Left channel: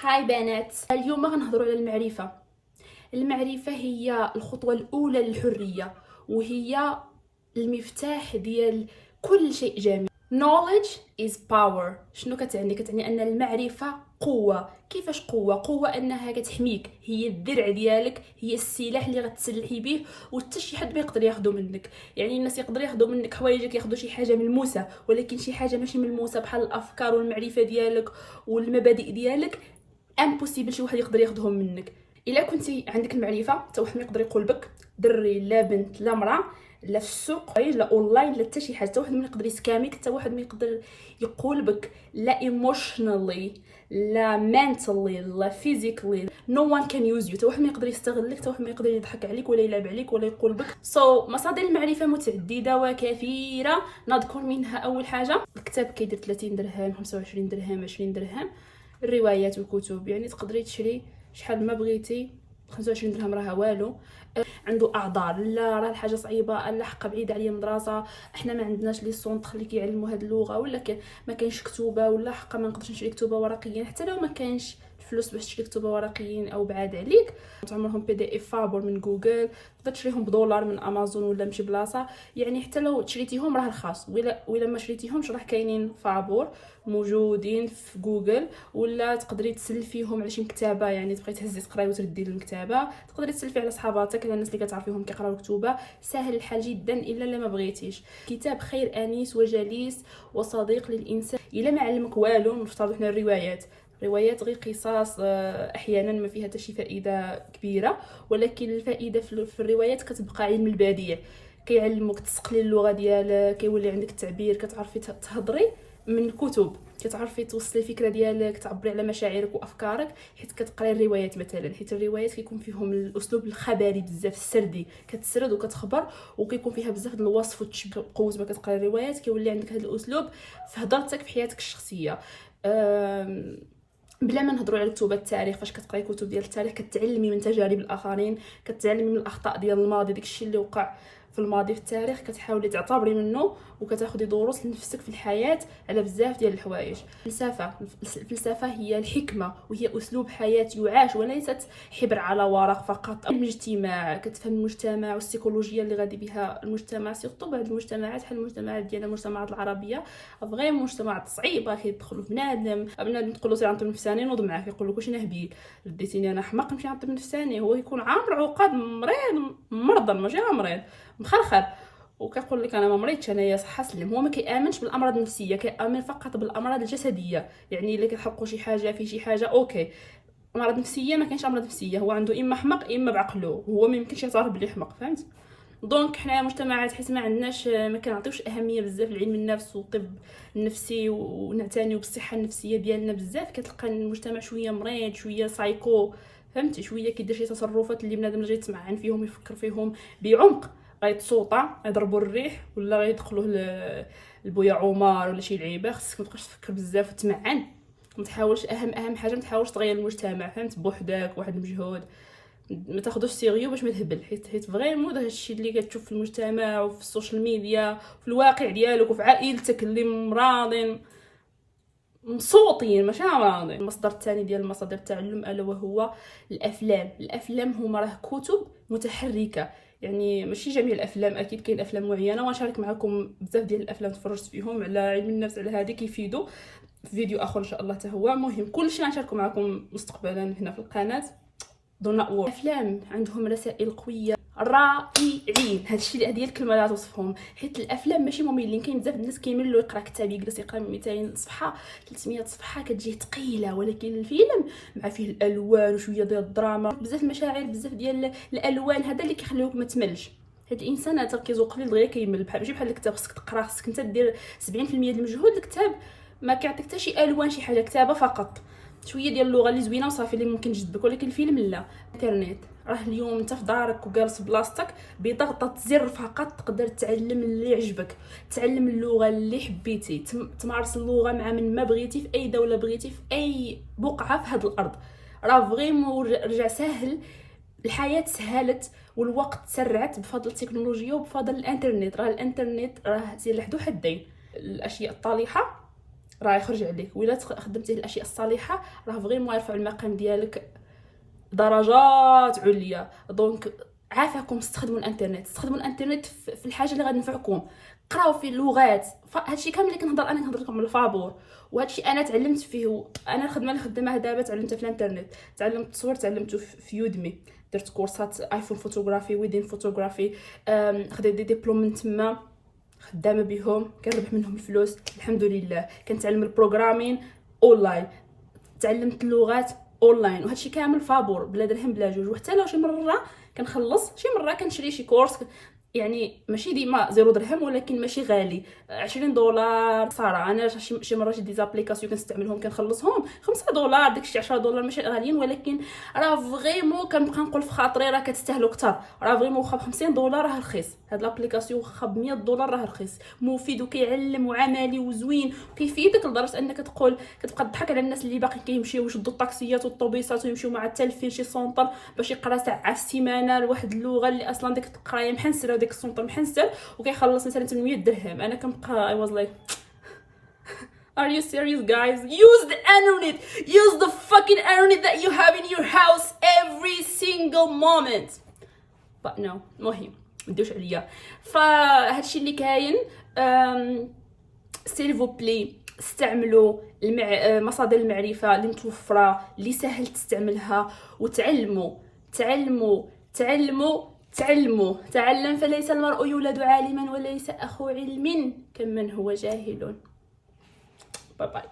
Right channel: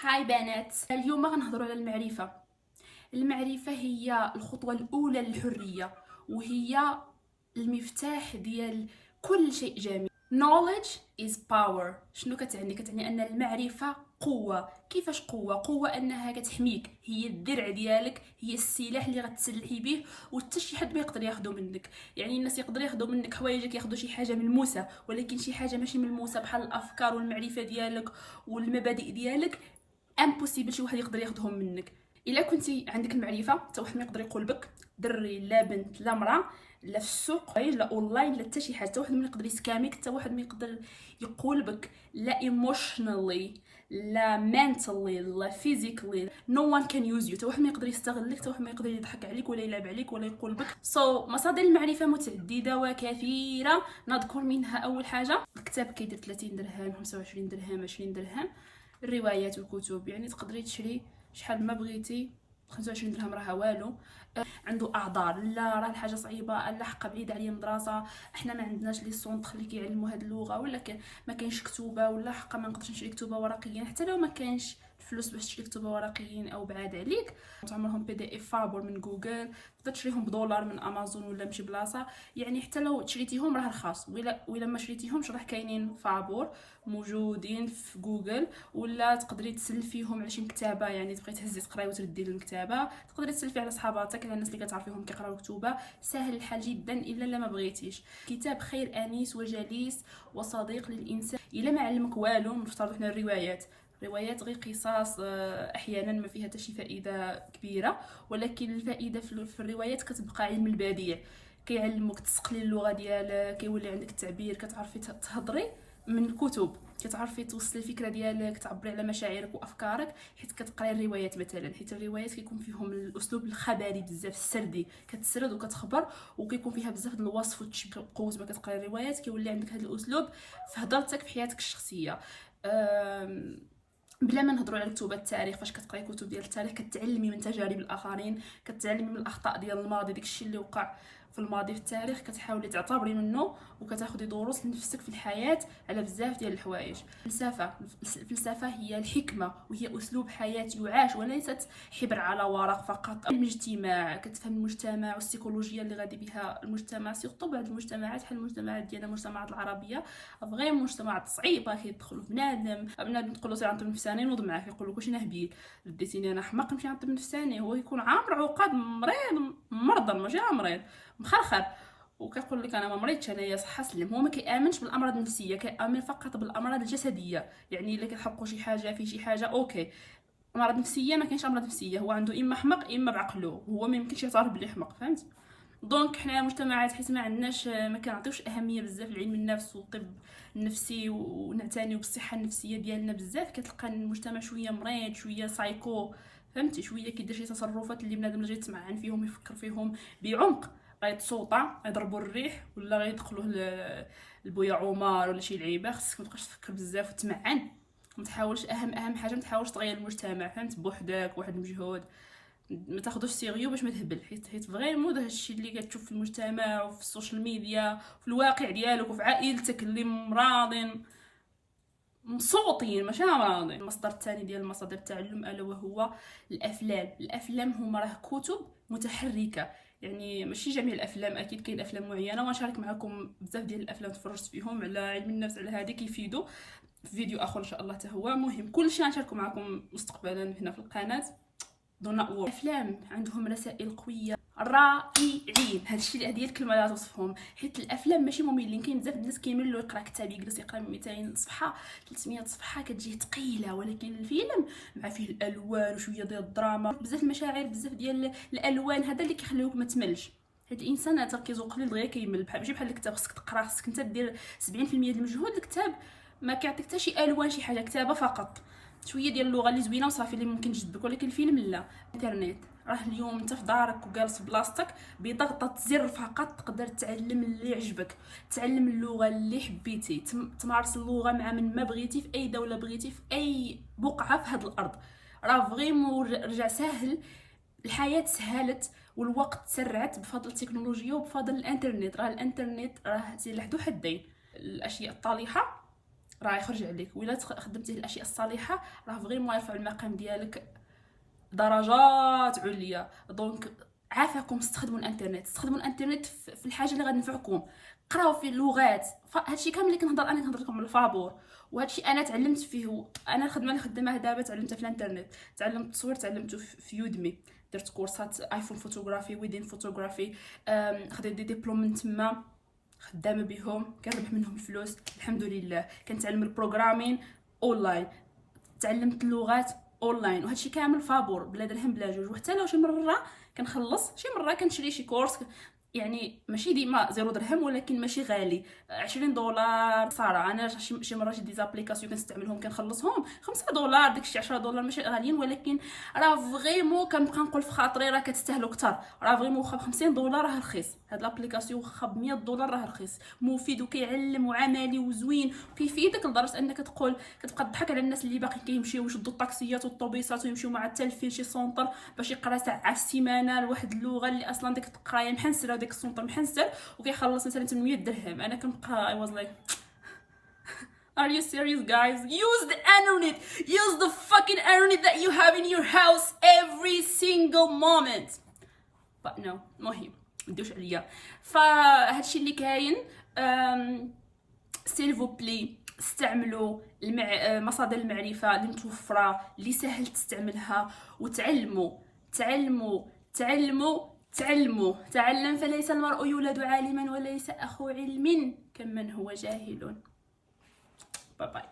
هاي بنات، اليوم غنهضروا على المعرفة. المعرفة هي الخطوة الأولى للحرية، وهي المفتاح ديال كل شيء جميل. knowledge is power. شنو كتعني؟ كتعني أن المعرفة قوة. كيفاش قوة؟ قوة أنها كتحميك، هي الدرع ديالك، هي السلاح اللي غتسلحي به وحتى شي حد ما يقدر ياخذه منك. يعني الناس يقدر ياخذوا منك حوايجك، ياخذوا شي حاجة ملموسة، ولكن شي حاجة ماشي ملموسة بحال الأفكار والمعرفة ديالك والمبادئ ديالك امبوسيبل شي واحد يقدر ياخذهم منك. الا كنتي عندك المعرفه حتى واحد ما يقدر يقول بك، دري لا بنت لا مراه، لا في السوق لا اونلاين لا حتى شي حاجه، حتى واحد ما يقدر يسكاميك، حتى واحد ما يقدر يقول بك لا ايموشنالي لا منتالي لا فيزيكالي. نو وان كان يوز يو، حتى واحد ما يقدر يستغلك، حتى واحد ما يقدر يضحك عليك ولا يلعب عليك ولا يقول بك. مصادر المعرفه متعدده وكثيره، نذكر منها اول حاجه الكتاب كيدير 30 درهم 25 درهم 20 درهم. الروايات والكتب يعني تقدري تشري شحال ما بغيتي، 25 درهم راه والو. عنده اعذار، لا راه الحاجه صعيبه، لا حقا بعيده عليا من الدراسه، احنا ما عندناش لي سونطر اللي كيعلموا هاد اللغه، ولا ما كاينش كتوبه، ولا حقا ما نقدرش نشري كتوبه ورقيا. حتى لو ما كانش الفلوس باش تشري كتوبه ورقيين او بعاد عليك، تعمرهم بي دي اف فابور من جوجل، تقدر تشريهم بدولار من امازون ولا من شي بلاصه. يعني حتى لو شريتيهم راه رخاص، ولا ما شريتيهمش راه كاينين فابور موجودين في جوجل. ولا تقدري تسلفيهم على شي مكتبه، يعني تبغي تهزي تقراي وتردي للمكتبه، تقدري تسلفي على صحاباتك، على الناس اللي كتعرفيهم كيقراو كتوبه. سهل الحال جدا الا ما بغيتيش. كتاب خير انيس وجليس وصديق للانسان. الا ما علمك والو، نفترض حنا الروايات غير قصص، احيانا ما فيها حتى شي فائده كبيره، ولكن الفائده في الروايات كتبقى علم البديع. كيعلموك تسقلي اللغه ديالك، كيولي عندك التعبير، كتعرفي تهضري من الكتب، كتعرفي توصلي الفكره ديالك، تعبري على مشاعرك وافكارك حيت كتقراي الروايات مثلا. حيت الروايات كيكون فيهم الاسلوب الخبري بزاف، السردي، كتسرد وكتخبر، وكيكون فيها بزاف د الوصف والتشبيه. قوه ما كتقراي الروايات كيولي عندك هذا الاسلوب في هضرتك في حياتك الشخصيه. بلا ما نهضروا على كتب التاريخ، فاش كتقراي كتب ديال التاريخ كتعلمي من تجارب الاخرين، كتعلمي من الاخطاء ديال الماضي، داكشي اللي وقع في الماضي في التاريخ كتحاولي تعتبري منه، وكتاخدي دروس لنفسك في الحياه على بزاف ديال الحوايج. الفلسفه هي الحكمه، وهي اسلوب حياه يعاش وليست حبر على ورق فقط. المجتمع، كتفهم المجتمع والسيكولوجيا اللي غادي بها المجتمع، سيرتو بعض المجتمعات بحال المجتمعات ديالنا، المجتمعات العربيه فغير مجتمعات صعيبه كيدخلوا بنادم تقول له سير عند النفساني نوض معاه، كيقول لك واش انا هبيل رديتيني انا حماق نمشي عند النفساني. هو يكون عامر عقاد، مريض مرضى ماشي مريض مخرخر، وكيقول لك انا ما مريضش انايا صحه سلم. هو ما كيامنش بالامراض النفسيه، كيامن فقط بالامراض الجسديه. يعني الا كيحرقوا شي حاجه في شي حاجه اوكي، امراض نفسيه ما كاينش امراض نفسيه، هو عنده اما حمق اما بعقله، هو ما يمكنش يعترف بلي حمق، فهمت؟ دونك حنا مجتمعات حيت ما عندناش، ما كنعطيوش اهميه بزاف لعلم النفس والطب النفسي، ونعتنيو بالصحه النفسيه ديالنا بزاف، كتلقى المجتمع شويه مريض، شويه سايكو، فهمتي؟ شويه كيدير شي تصرفات اللي بنادم جاي يتمعن فيهم يفكر فيهم بعمق، غيتصوطا يضربوا الريح ولا غيدخلوه البويا عمر ولا شي لعيبه. خصك متبقاش تفكر بزاف وتمعن، ما تحاولش. اهم حاجه ما تحاولش تغير المجتمع، فهمت؟ بوحدك واحد المجهود، ما تاخذوش سيريو باش ما تهبل، حيت فريمون هادشي اللي كتشوف في المجتمع وفي السوشيال ميديا وفي الواقع ديالك وفي عائلتك اللي مراضين مصوتين ماشي امراضين. المصدر الثاني ديال مصادر التعلم الا وهو الافلام هما راه كتب متحركه. يعني ماشي جميع الافلام، اكيد كاين افلام معينه، وغنشارك معكم بزاف ديال الافلام تفرجت فيهم على علم النفس، على هذه كيفيدوا في فيديو اخر ان شاء الله. حتى هو مهم، كلشي غنشاركو معكم مستقبلا هنا في القناه. افلام عندهم رسائل قويه رائعين، هادشي هذه الكلمه لا توصفهم. حيت الافلام ماشي مملين، كاين بزاف الناس كيملوا يقرا كتاب، يجلس يقرا 200 صفحه 300 صفحه كتجيه ثقيله، ولكن الفيلم مع فيه الالوان وشويه ديال الدراما، بزاف المشاعر، بزاف ديال الالوان، هذا اللي كيخليوك ما تملش. حيت الانسان تركيزه قليل دغيا كيمل، ماشي بحال الكتاب خصك تقرا، خصك انت دير 70% ديال المجهود. الكتاب ما كيعطيك حتى شي الوان، شي حاجه كتابه فقط، شويه ديال اللغه اللي زوينه وصافي اللي ممكن تجذبك. ولكن الفيلم لا. الانترنت راه اليوم انت في دارك وجالس بلاصتك، بضغطه زر فقط تقدر تعلم اللي يعجبك، تعلم اللغه اللي حبيتي، تمارس اللغه مع من ما بغيتي في اي دوله بغيتي، في اي بقعه في هذه الارض. راه فريمون رجع سهل، الحياه سهلت والوقت سرعت بفضل التكنولوجيا وبفضل الانترنت. راه الانترنت راه سلاح ذو حدين. الاشياء الطالحه راه يخرج عليك. وإلا خدمتيه الاشياء الصالحه راه فريمون يرفع المقام ديالك درجات عليا. دونك عافاكم استخدموا الانترنت، استخدموا الانترنت في الحاجه اللي غتنفعكم. قراو فيه اللغات، هادشي كامل اللي كنهضر انا كنهضر لكم من الفابور، وهادشي انا تعلمت فيه. انا الخدمه اللي خدامها دابا تعلمتها في الانترنت، تعلمت التصوير تعلمته في يودمي، درت كورسات ايفون فوتوغرافي، ويدين فوتوغرافي، خديت دي ديبلوم من تما، خدامه بهم، كنربح منهم الفلوس الحمد لله. كنتعلم البروغرامين اونلاين، تعلمت اللغات اونلاين، وهادشي كامل فابور بلا درهم بلا جوج. وحتى لو شي مره كنخلص، شي مره كنشري شي كورس، يعني ماشي ديما 0 درهم ولكن ماشي غالي، 20 دولار صراحه. انا شي مره شي ديزابليكاسيون كنستعملهم كنخلصهم 5 دولار، داكشي 10 دولار ماشي غاليين، ولكن راه فريمون كنبقى نقول في خاطري راه كتستاهلوا كثر. راه فريمون واخا ب 50 دولار راه رخيص، هاد لابليكاسيون واخا ب 100 دولار راه رخيص، مفيد وكيعلم وعملي وزوين وكيفيدك لدرجه انك كتبقى تضحك على الناس اللي باقي كيمشيو يشدوا الطاكسيات والطوبيسات ويمشيو مع التلفين شي سونطر باش يقرا ساعه في السيمانه لواحد اللغه اللي اصلا ديك القرايه محنسره وديك السونطر محنسر، وكيخلص مثلا 800 درهم. انا كنبقى I was like are you serious guys? Use the internet, use the fucking internet that you have in your house every single moment. but no مهم مديوش عليا. فهادشي اللي كاين. سيلفو بلي استعملوا مصادر المعرفه اللي متوفره اللي سهل تستعملها، وتعلموا تعلموا تعلموا تعلموا. تعلم فليس المرء يولد عالما وليس اخو علم كمن هو جاهل. باي باي.